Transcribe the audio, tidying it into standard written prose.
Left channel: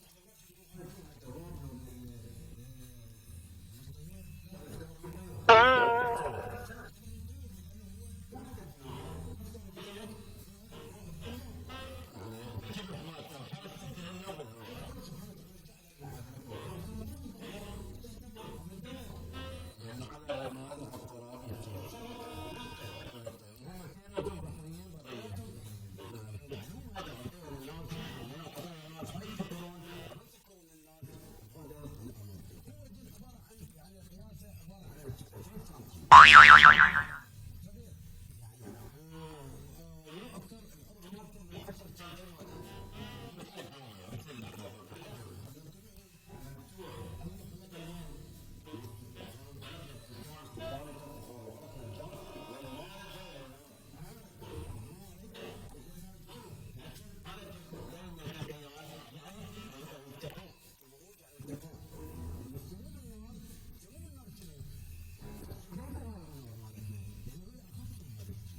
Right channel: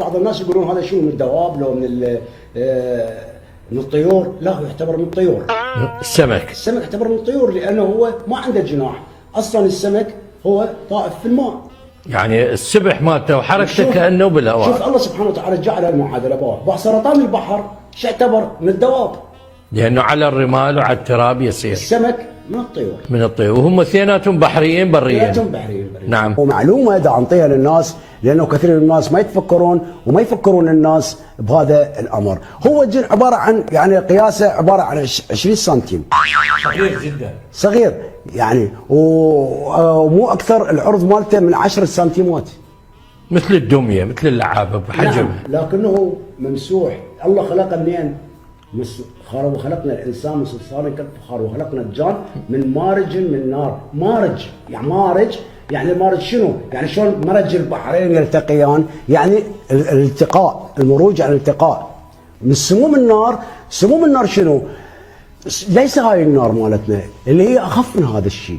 بعض الناس يقولون هذا شنو من الدواب لو من الطيور. لا، هو يعتبر من الطيور. السمك يعتبر من الطيور لانه هو ما عنده جناح، اصلا السمك هو طائف في الماء. يعني السبح مالته وحركته كانه بالهواء. شوف الله سبحانه وتعالى جعل المعادله سرطان البحر شو يعتبر من الدواب؟ لانه على الرمال وعلى التراب يصير. السمك من الطيور وهم اثنيناتهم بحريين بريين. نعم. ومعلومه دا انطيها للناس لانه كثير من الناس ما يتفكرون وما يفكرون الناس بهذا الامر. هو الجن عباره عن يعني قياسه عباره عن 20 سنتيم. صغير جدا. صغير يعني ومو اكثر، العرض مالته من 10 سنتيمات. مثل الدميه، مثل اللعابه بحجمها. نعم. لكنه ممسوح. الله خلقه منين؟ وخلقنا الانسان من صلصال كالفخار، وخلقنا الجان من مارج من نار. مارج يعني المارج شنو؟ يعني شلون مرج البحرين يلتقيان؟ يعني الالتقاء، المروج يعني الالتقاء. من سموم النار. سموم النار شنو؟ ليس هاي النار مالتنا اللي هي اخف من هذا الشيء.